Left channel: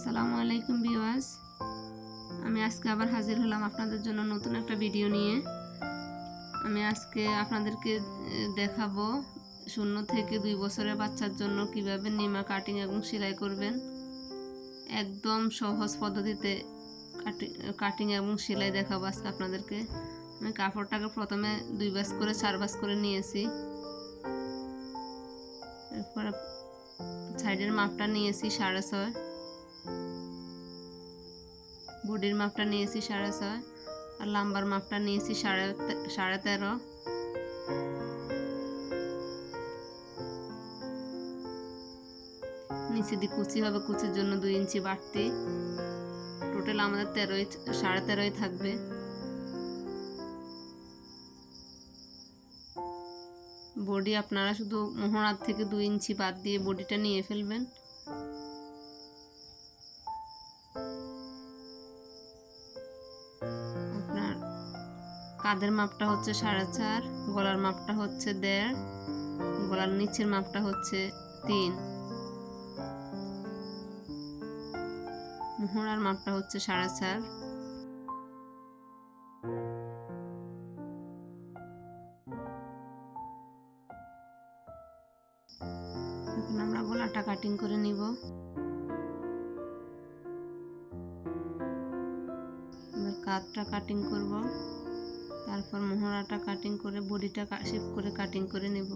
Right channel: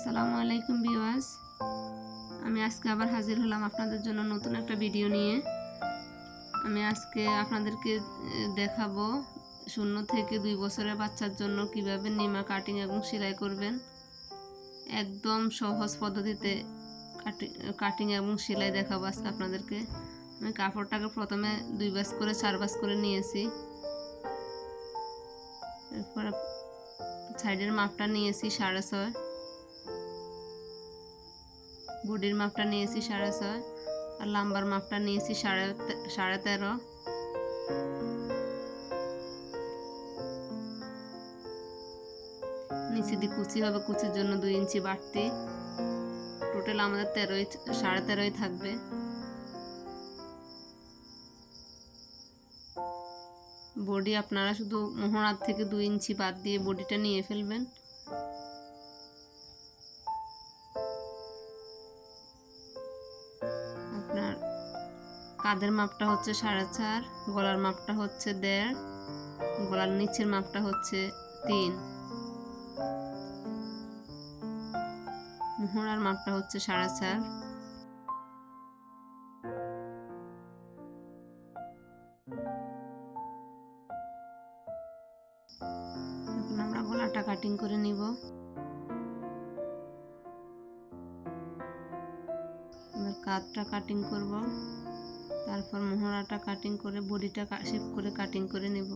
আসসালামু আলাইকুম ভিউয়ার্স, আমি আজকে আবার হাজির হলাম আপনাদের জন্য নতুন একটা ভিডিও নিয়ে। আমি আজকে আপনাদেরকে দেখাবো 0 থেকে 2 বছরের বাচ্চার জন্য কিভাবে নিমা কাটিং এবং সেলাই করবেন। একদম সহজ পদ্ধতিতে কাটিং এবং সেলাই দেখাবো আজকে আপনাদেরকে। আমি কাপড়টাকে প্রথমে 2 ভাঁজ করে 4 ভাঁজ করে নিয়েছি। এরপরে সাইডের মাপটা নিয়েছি 6.5, বডির মাপটা নিয়েছি 6.5 আর লাম্বার মাপটা নিয়েছি 13.5। নিচে দিয়ে কুচি হবে, কুচির জন্য 2 ইঞ্চি বাড়তি। টোটাল আমাদের 13.5 থাকবে। বডি আপনারা শুধু মোহরার থেকে 2 ইঞ্চি বাদ দিয়ে বডিটা নিয়ে ফেলবেন। আপনার কাঁধের মাপটা হচ্ছে 4.5, গলার মাপটা হচ্ছে 1.5, গলার নিচের মাপটা হচ্ছে 3, মোহরার মাপটা হচ্ছে 4.5। এখন আমরা গলাটা কাটিং করে নিব। এবার কাঁধটা কাটিং করব, তারপর মোহরাটা কাটিং করে বডিটা শেপ করে কাটিং করে নেব।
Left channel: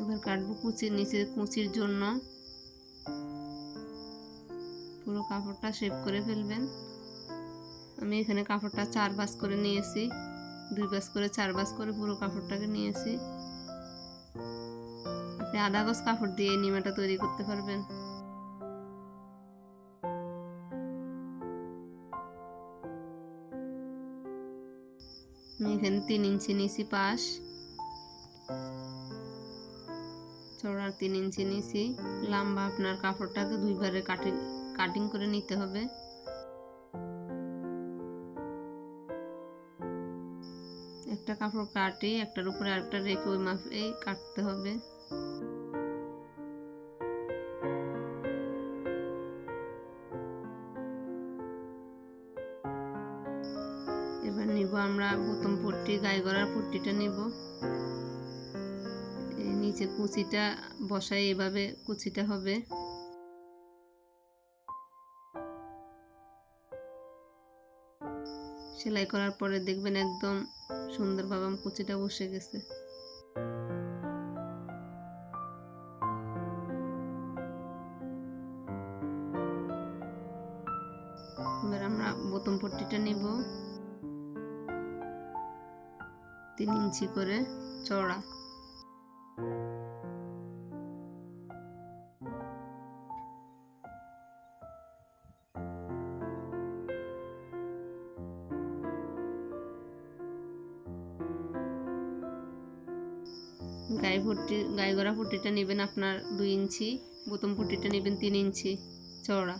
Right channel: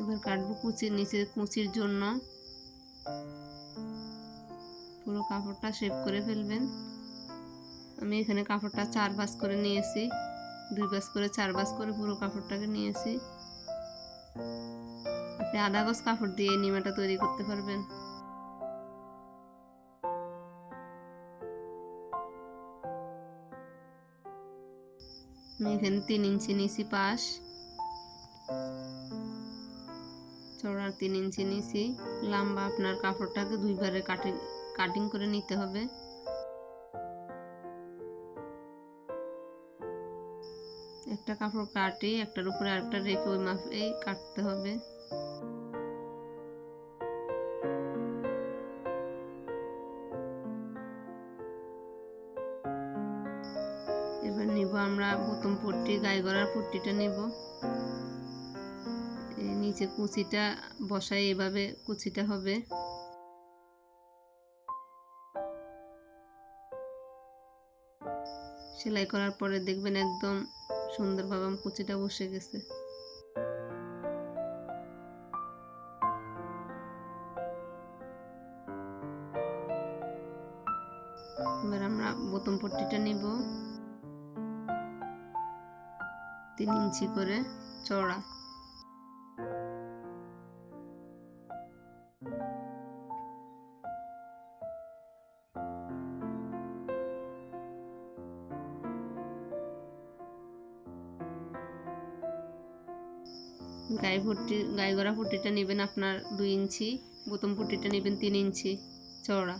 এবার কাটবো কুচির নিচে, কুচির জন্য পুরো কাপড়টা শেপ করে ফেলবেন। আমি এখানে কাপড়টা 4 ভাঁজ করে নিয়েছি, 2 ভাঁজ করে 4 ভাঁজ করে পুরো কাপড়টাকে নিয়েছি। আপনি আধা গজ কাপড় দিয়ে নিমাটা তৈরি করতে পারবেন। আমি এখানে 3 ইঞ্চি নিয়েছি পাশ, চওড়া 3 ইঞ্চি নিয়েছি। লম্বা আপনার কাপড়টাকে 2 বারে কাটিং করে নিতে হবে। একটা কাপড় কাটে একটার উপরে আরেকটা রেখে ওই মাপে কাটতে হবে। এবার নিব আমরা বোতাম পট্টি, গায়ে গলার পট্টিটা নিব। এই নিচে কুচিটা বসাই, এভাবে কুচিটা হবে। সেলাই করার পরে দেখবেন একদম সুন্দরভাবে কুচিটা বসে গেছে। এবার আমরা বোতাম পট্টিটা নিব 3 ইঞ্চি করে চওড়া। গায়ে গড়া পট্টিটা নেবেন আপনার 2 ইঞ্চি, বোতাম পট্টিটা নেবেন 3 ইঞ্চি চওড়া।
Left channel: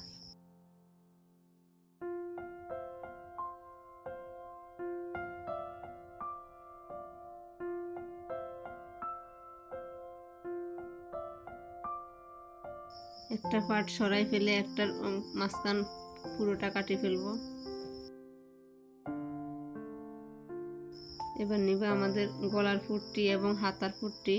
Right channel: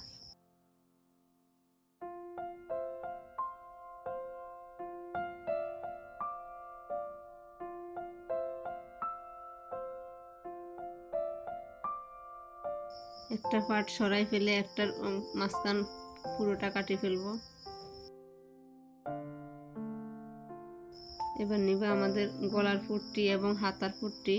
একটা পার্ট সরাই ফেলে একটার মাঝখান পুরোটা কাটি ফেলবো। এবার নিবে আমাদের গলার পট্টি এবং হাতার পট্টি।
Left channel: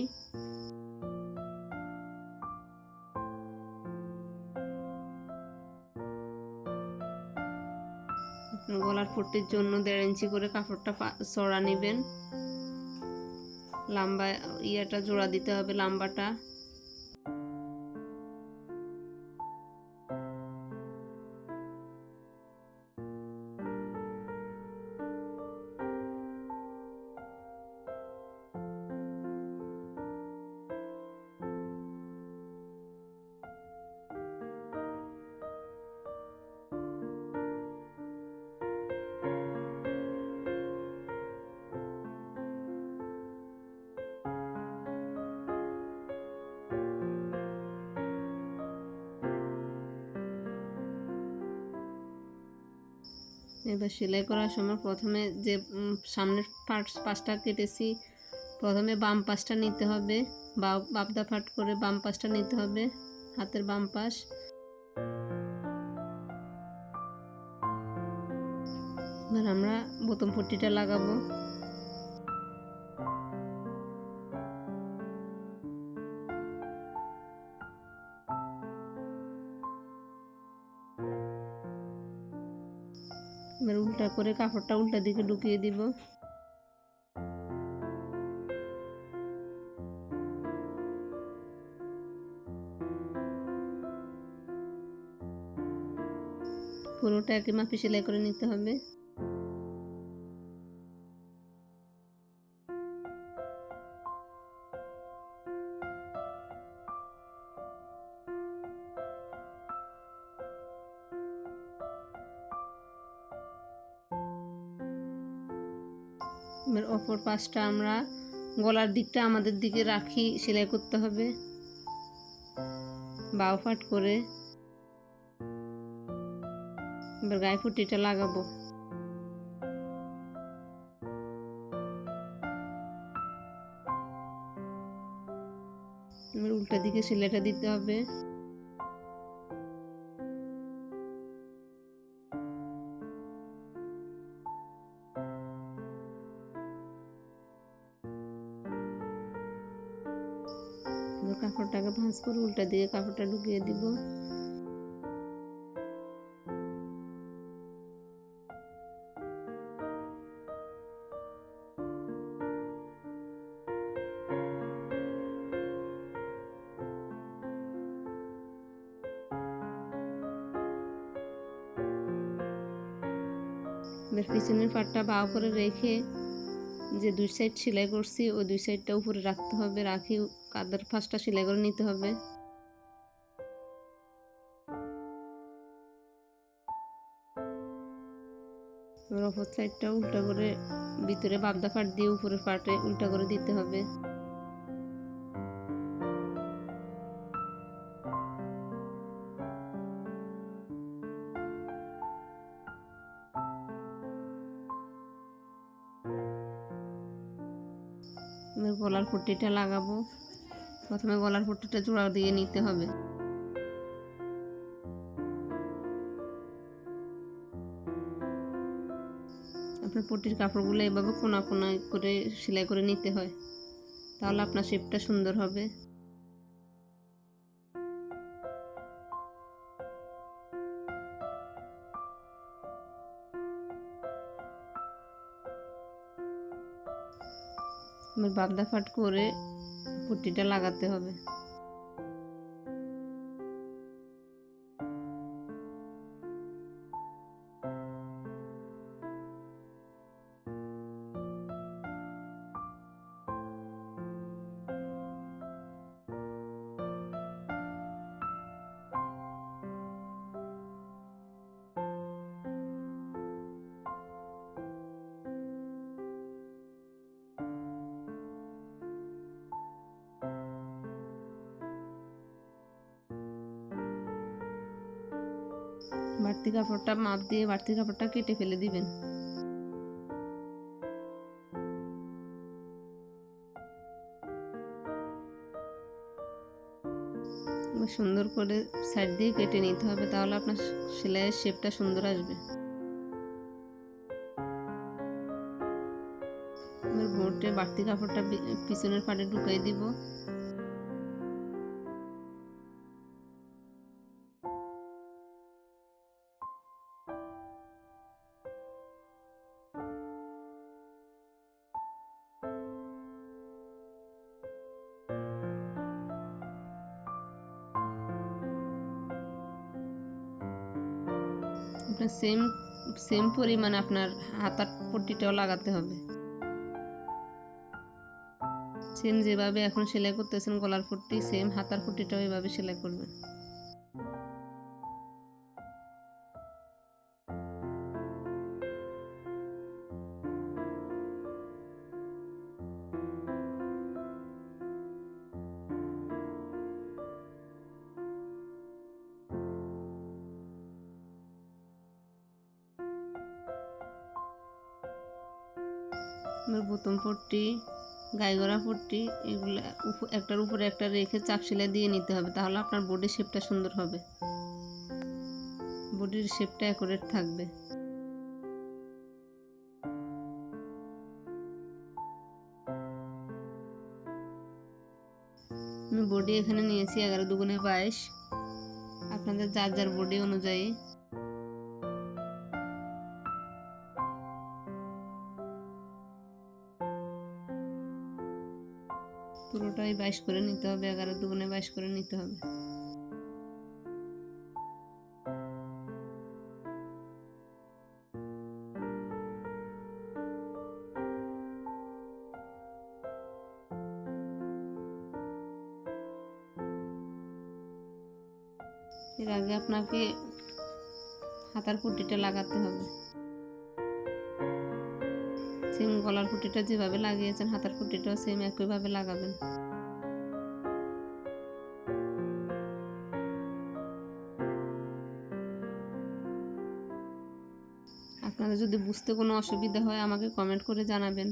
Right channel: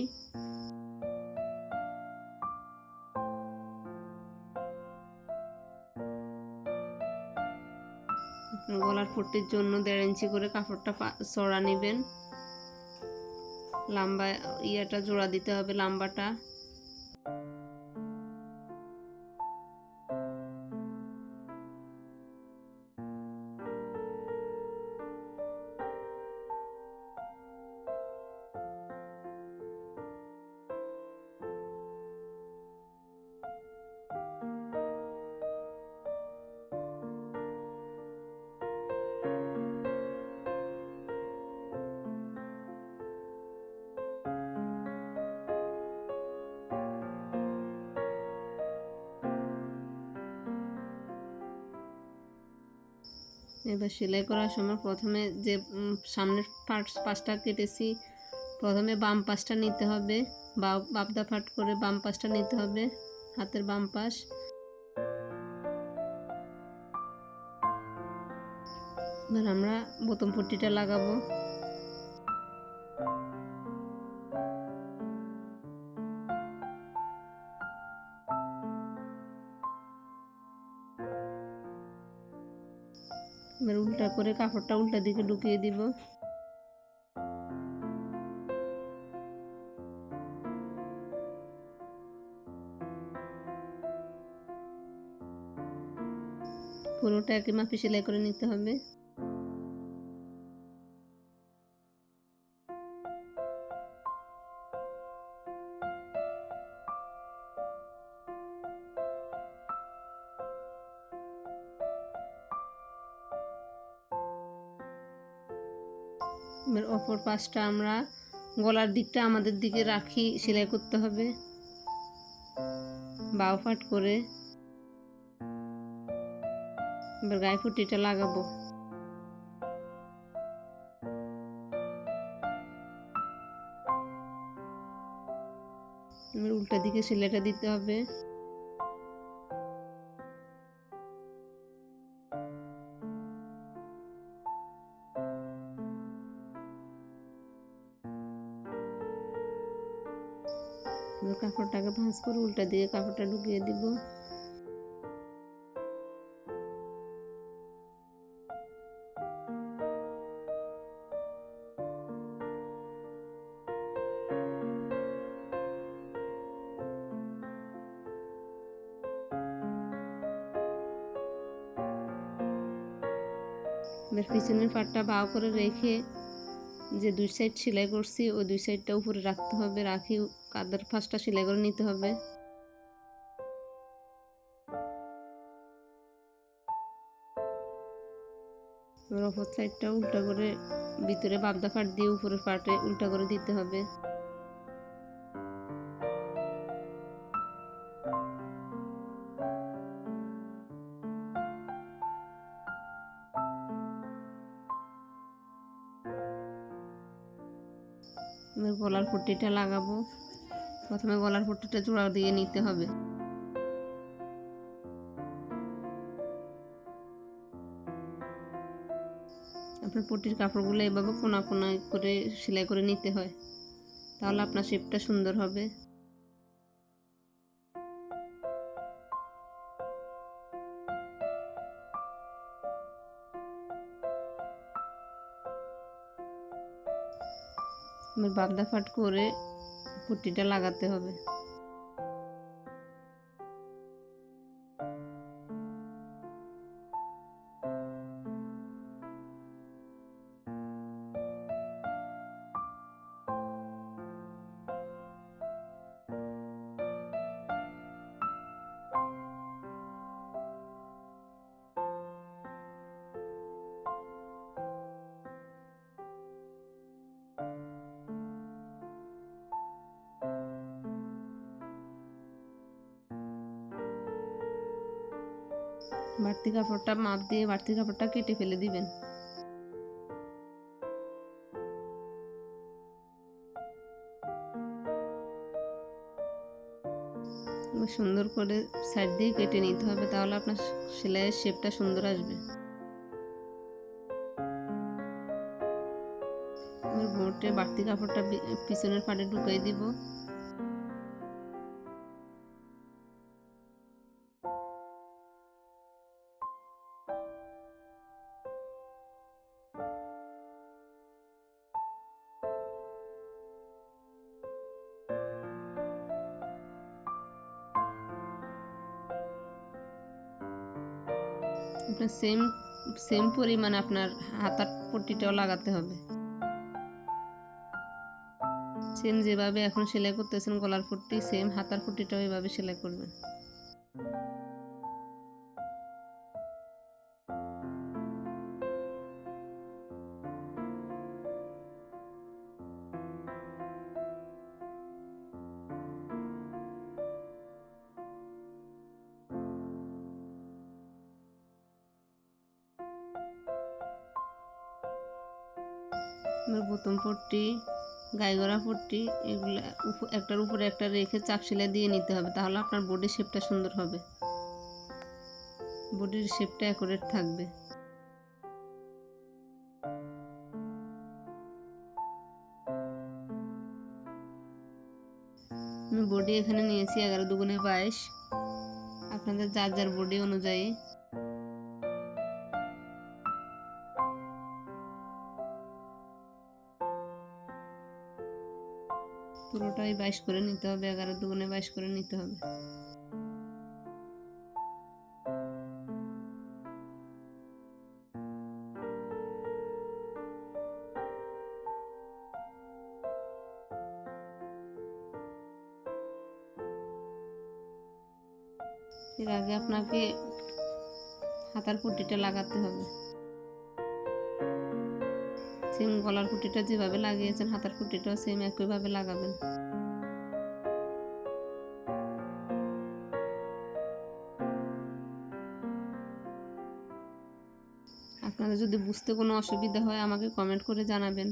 গলার পট্টির জন্য 1.5 ইঞ্চি করে কাপড়টা চড়া নেবেন। লম্বা ইয়াটা জোড়া দিতে হবে, লম্বাটা। এবার সেলাই করার সময় প্রথমে যে সামনের পাশটা কেটেছি, প্রথমে বাম পাশটা নিতে হবে, বাবদা ফাট করে বাম পাশটা নিতে হবে, হাতের বাম পাশ। এবার আমরা বোতাম পট্টিটা লাগাবো। এবার উল্টা করে কাপড়টা উল্টা দিকে ঢুকিয়ে দিব। পুরোটা একই মাপে সেলাই করে নিতে হবে। এবার অপর পাশটা আমরা গলার দিকটা আমাদের দিকে রাখি সেলাই করতে হবে, বাও ফাট করে। এবার গায়ে পট্টিটা লাগাবো। এবার উল্টা দিকে সেলাইটা দিতে হবে। এবার কাপড়টাকে ভাঁজ করে উল্টা দিকে কাপড়টা ঢুকিয়ে দিব। এবার পিছনের পাটটা বাও করে রেখে যে দুই সাইড সেলাই করছি ওই দুই সাইডটা উপরে রাখতে হবে, রাখি কাঁধের ফাঁসটা সেলাই করে নিতে হবে। এবার অপর সাইডটা উল্টা করে ভিতরে বাবদা পাট দিয়ে উপরের পাটে উল্টা করে দিতে হবে। এবার গলার পট্টিটা লাগাবো। প্রথমে গলার পট্টিটা জোড়া দিয়ে নিতে হবে। আপনার পট্টির কাপড়গুলো এভাবে কোনা কোনা করে সেলাই করে নিতে হয়, তাহলে আপনার শেপটা সুন্দর হবে। এবার বাবদা ফাট করে পট্টিটা লাগাতে হবে। বাড়তি কাপড়টা মাপ দিয়ে বাড়তি কাপড়টা কেটে ফেলে দিবেন। সুন্দর করে সাইড দিয়ে কেটে নিতে হবে, তাহলে আপনার সেলাইয়ের শেপটা সুন্দর আসবে। এবার বোটে বাড়তি কাপড়টা পিছনের পাটে ঢুকাই দিব। আপনার সেম সেম পরিমাণ আপনার হাতার পট্টিটাও লাগাতে হবে। সেম যেভাবে এখন সেলাই করতেছেন গলার পট্টি, সেম হাতার পট্টিটাও এভাবে সেলাই করবেন। এবার বোতাম পট্টি, গাইগড়া পট্টি এগুলো একটার উপরে একটা রেখে চাপ সেলাই দিয়ে নিতে হবে, তাহলে আপনার বডির শেপটা সুন্দর হবে, বডির শেপটা অ্যাকুরেট থাকবে। আমি বডি এখানে নিয়েছি 11 দুগুণে 22, আপনাদের যার যার বডি অনুযায়ী পুরোটাই 22 করে নিতে হবে, 11 দুগুণে 22 করে নিতে হবে। এর আগে আপনাকে হাতার পট্টিটা লাগাতে হবে, সেম গলার পট্টিটা যেভাবে লাগিয়েছেন হাতার পট্টিটাও সেম একইভাবে লাগাবেন। আপনাদের যদি বুঝতে কোনো অসুবিধা হয় আমাকে কমেন্ট করে জানাবেন।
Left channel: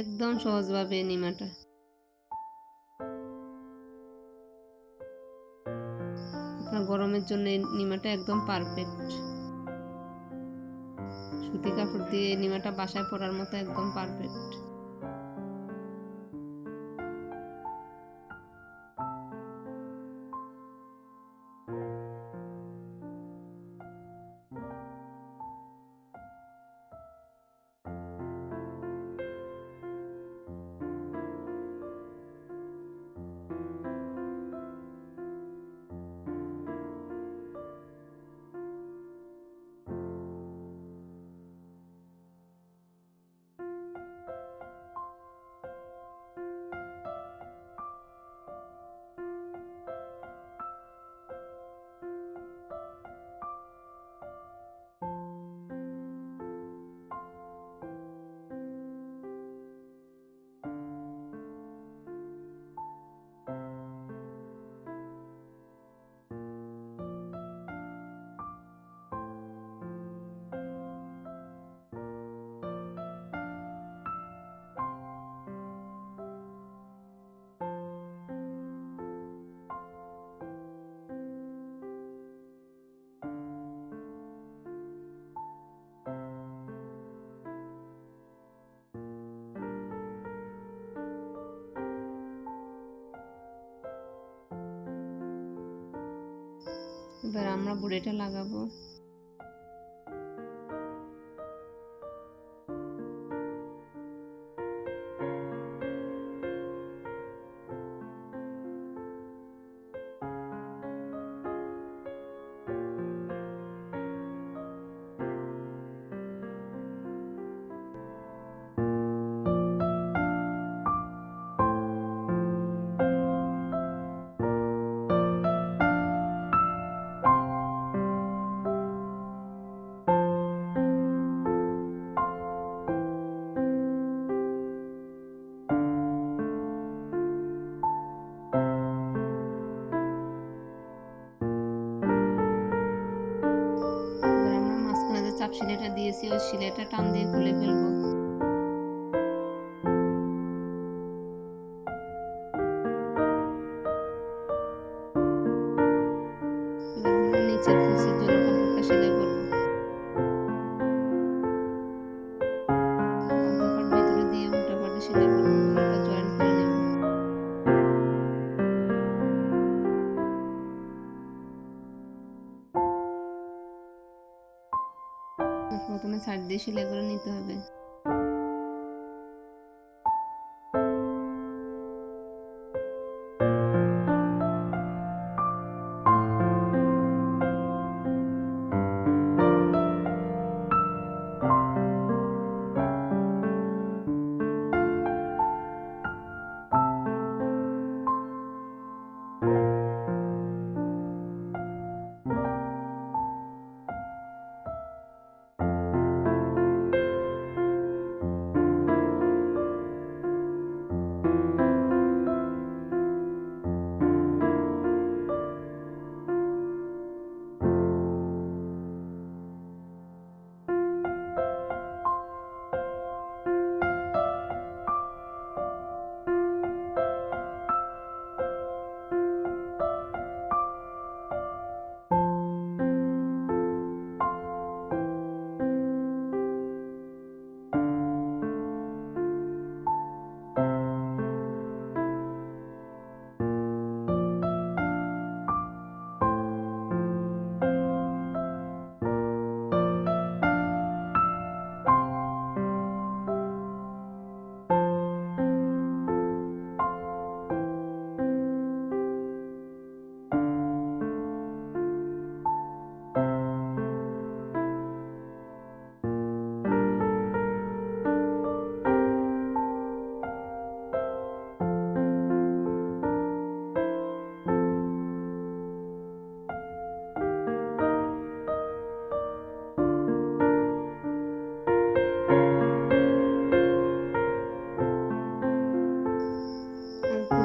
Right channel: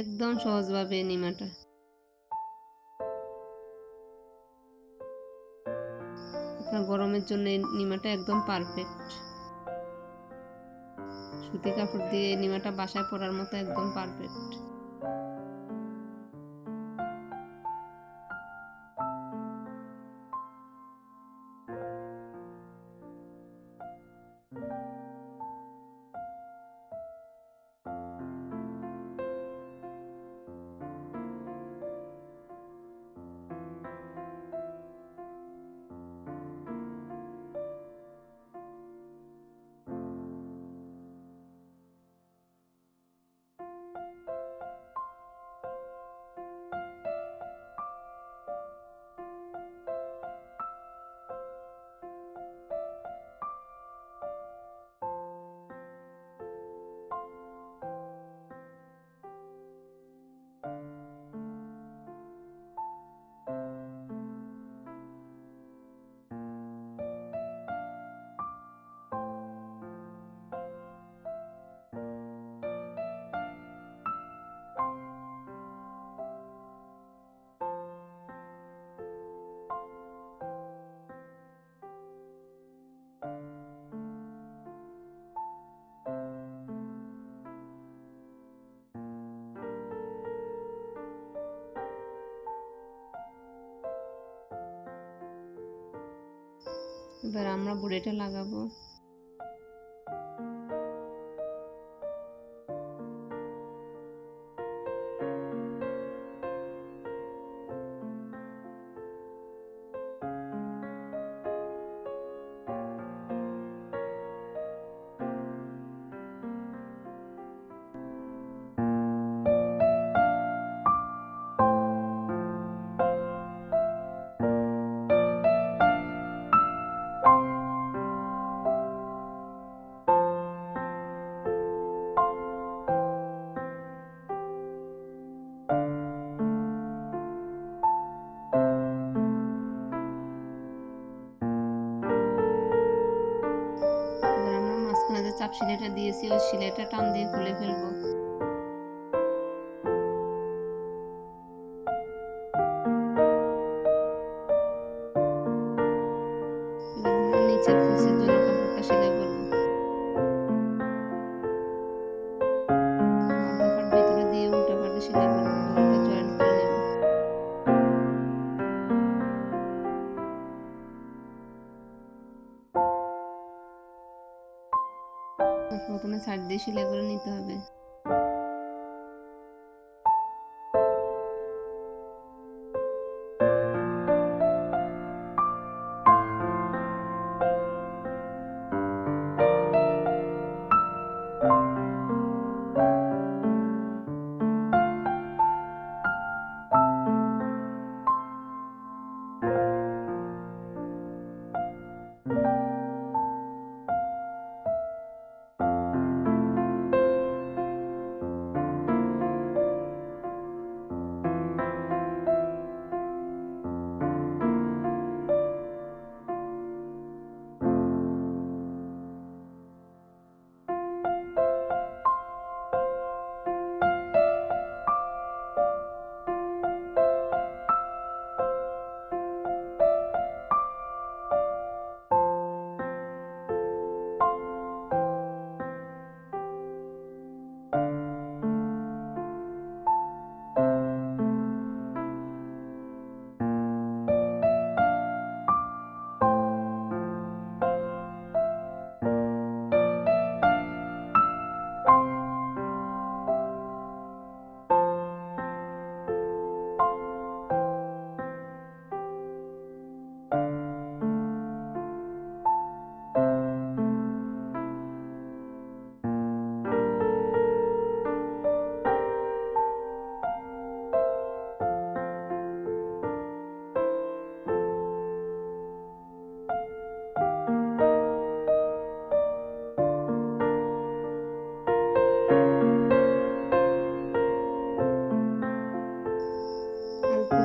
একদম সহজভাবে নিমাটা, আপনার গরমের জন্য এই নিমাটা একদম পারফেক্ট। সুতি কাপড় দিয়ে এই নিমাটা বাসায় পরার মতো একদম পারফেক্ট। এবার আমরা বড়িটা লাগাবো। যে চাপ সেলাইটা দিয়েছি ওই সেলাইটা টান দিয়ে খুলে ফেলবো। এবার আমরা নিচের কুচির জন্য কাপড়টা সেলাই করবো। মাথা পাট ভিতরে দিয়ে উল্টা পাটে সেলাই করবো, দুটোটা জয়েন্ট করে নেব। প্রথমে সাইড দিয়ে সেলাই করে নিতে হবে।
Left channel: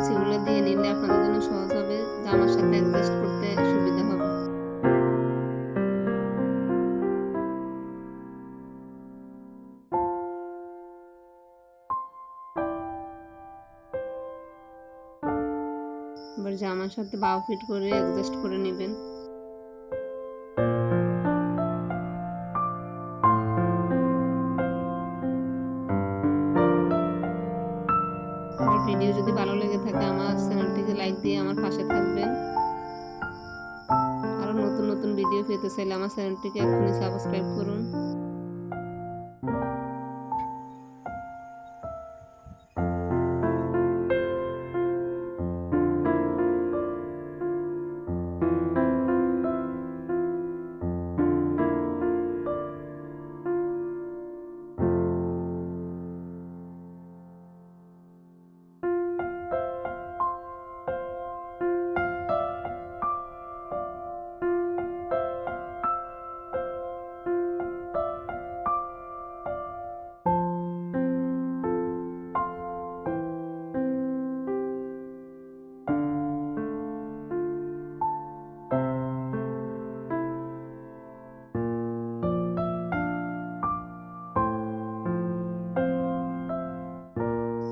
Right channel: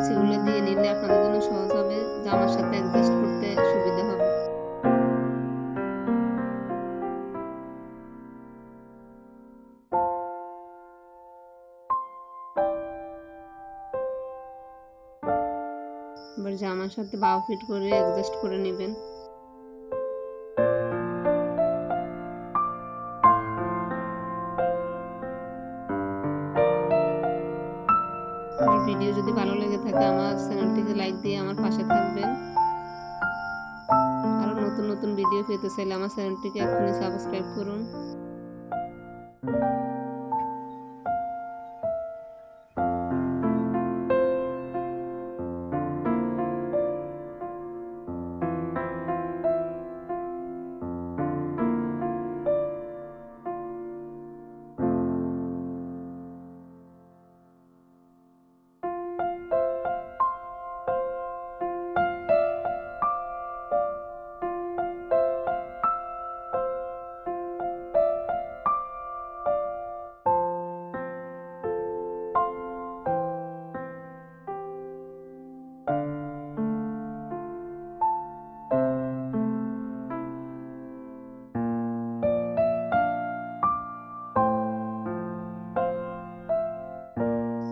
কুচিগুলো দিয়ে নিলে আপনাদের জন্য সহজ হবে, জামার সাথে অ্যাডজাস্ট করতে সুবিধা হবে। এবার জামার সাথে বাহু ফিট করে অ্যাডজাস্ট করে নেবেন। আমার ভিডিও যদি ভালো লেগে থাকে আমার চ্যানেলটিকে লাইক দিয়ে আমার পাশে থাকবেন। আরও নতুন নতুন ভিডিও পেতে চাইলে আমার চ্যানেলটিকে এক্ষুনি সাবস্ক্রাইব করুন।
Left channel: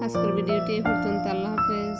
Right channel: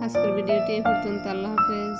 আজকের ভিডিওটি এই পর্যন্ত। আল্লাহ হাফেজ।